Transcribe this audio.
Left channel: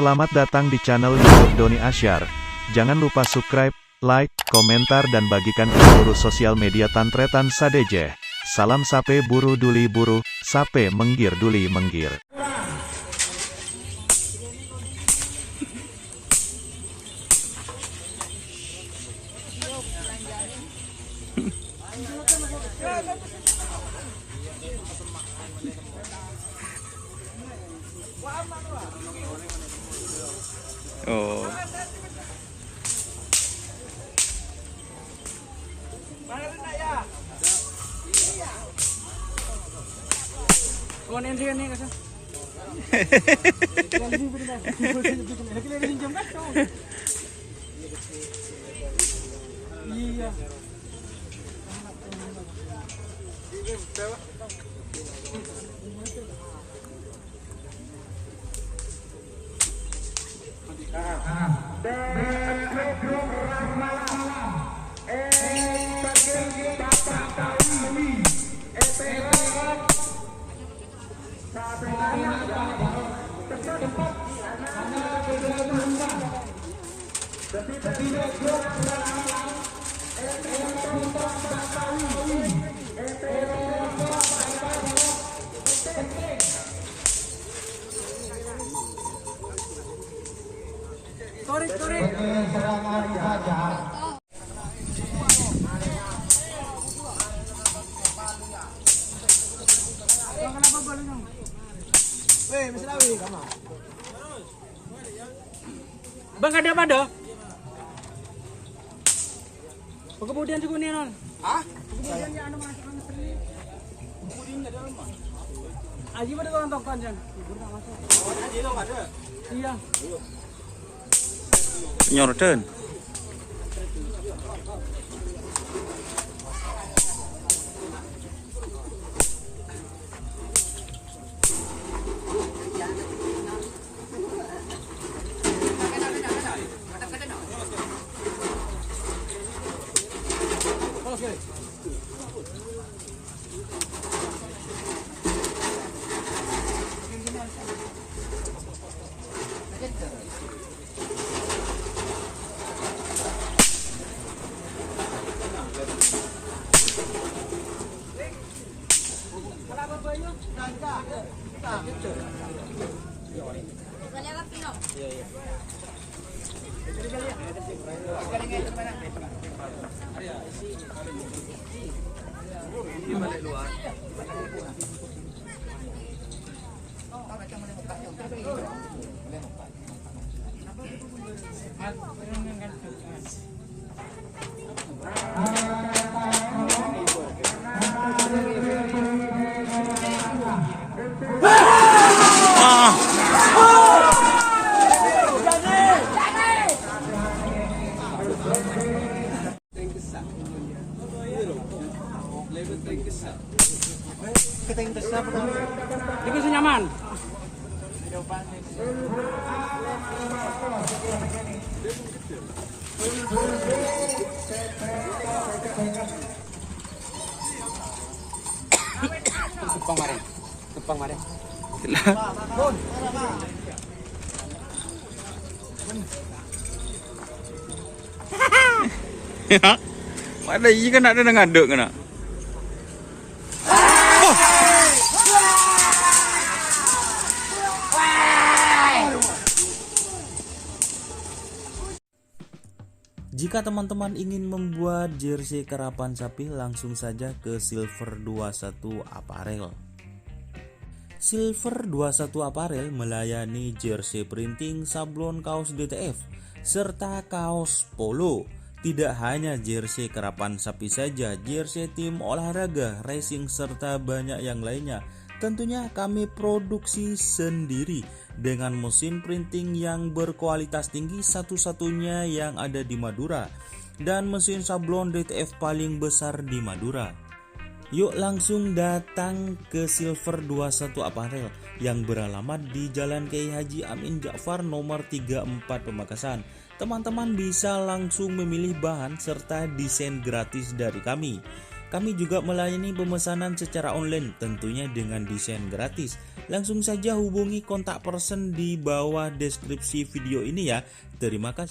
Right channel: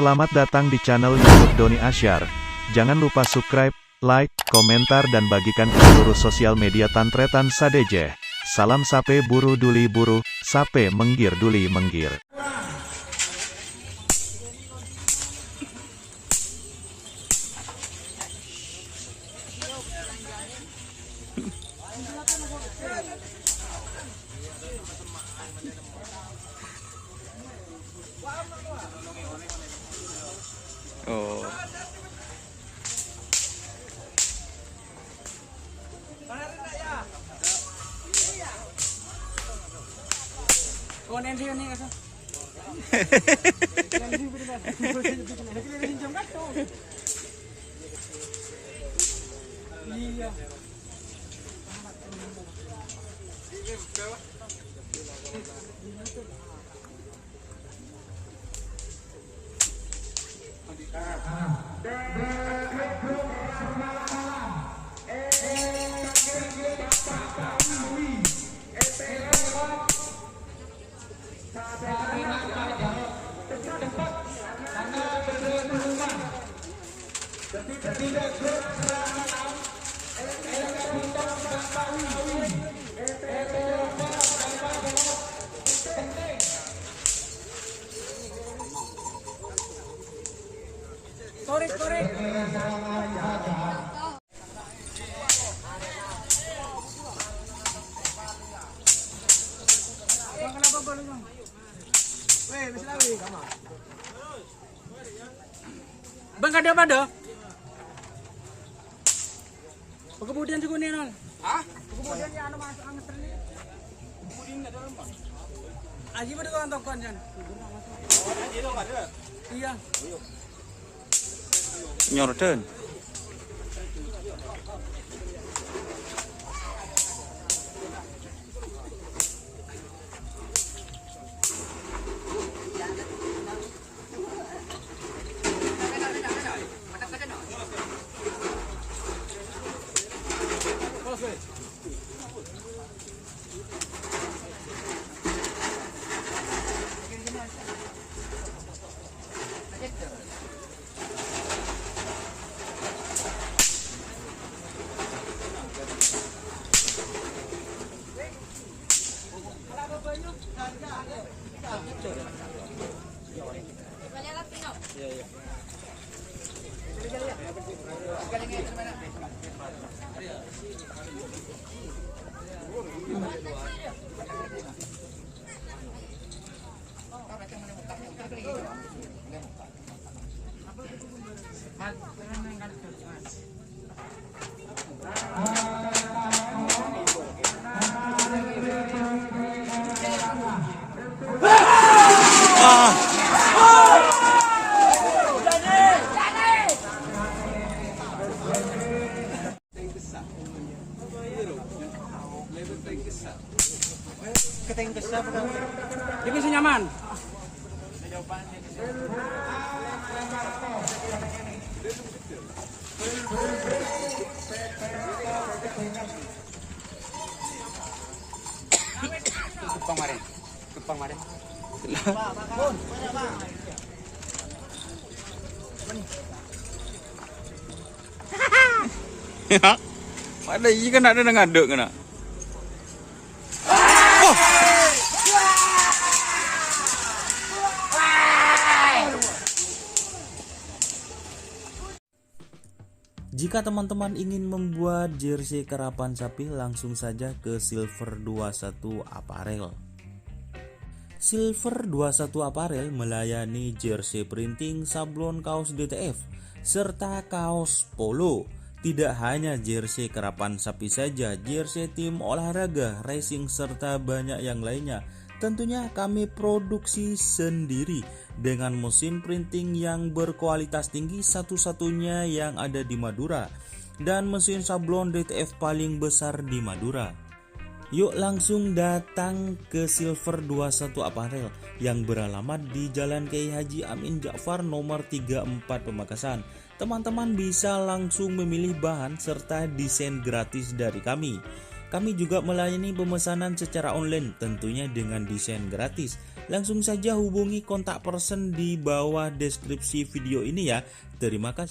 Selamat datang di channel YouTube Doni Asyar. Jangan lupa subscribe, like, komentar dan bagikan ke seluruh sosial media Tantretan Sadejeh. Salam sape buru duli buru, sape menggir duli menggir. Oh. Bang ada apa dah? Kemudian juga nih Ran. Hah? Kemudian ada apa? Aji pada kawan tokan jan. Iya. Nyorden. Ini masih nyaman. Kepang mare. Ya. Ada ikan ada ngaduk kena. Jika teman-teman ingin membuat jersey karapan sapi, langsung saja ke Silver 21 Apparel. Silver 21 Apparel melayani jersey printing, sablon kaos DTF, serta kaos polo. Tidak hanya jersey karapan sapi saja, jersey tim olahraga, racing, serta banyak yang lainnya. Tentunya kami produksi sendiri dengan mesin printing yang berkualitas tinggi, satu-satunya yang ada di Madura, dan mesin sablon DTF paling besar di Madura. Yuk langsung datang ke Silver 21 Apparel yang beralamat di Jalan Kiai Haji Amin Ja'far nomor 34 Pamekasan. Teman-teman bisa langsung memilih bahan serta desain gratis dari kami. Kami juga melayani pemesanan secara online, tentunya dengan desain gratis. Langsung saja hubungi kontak person di bawah deskripsi video ini ya. Terima kasih.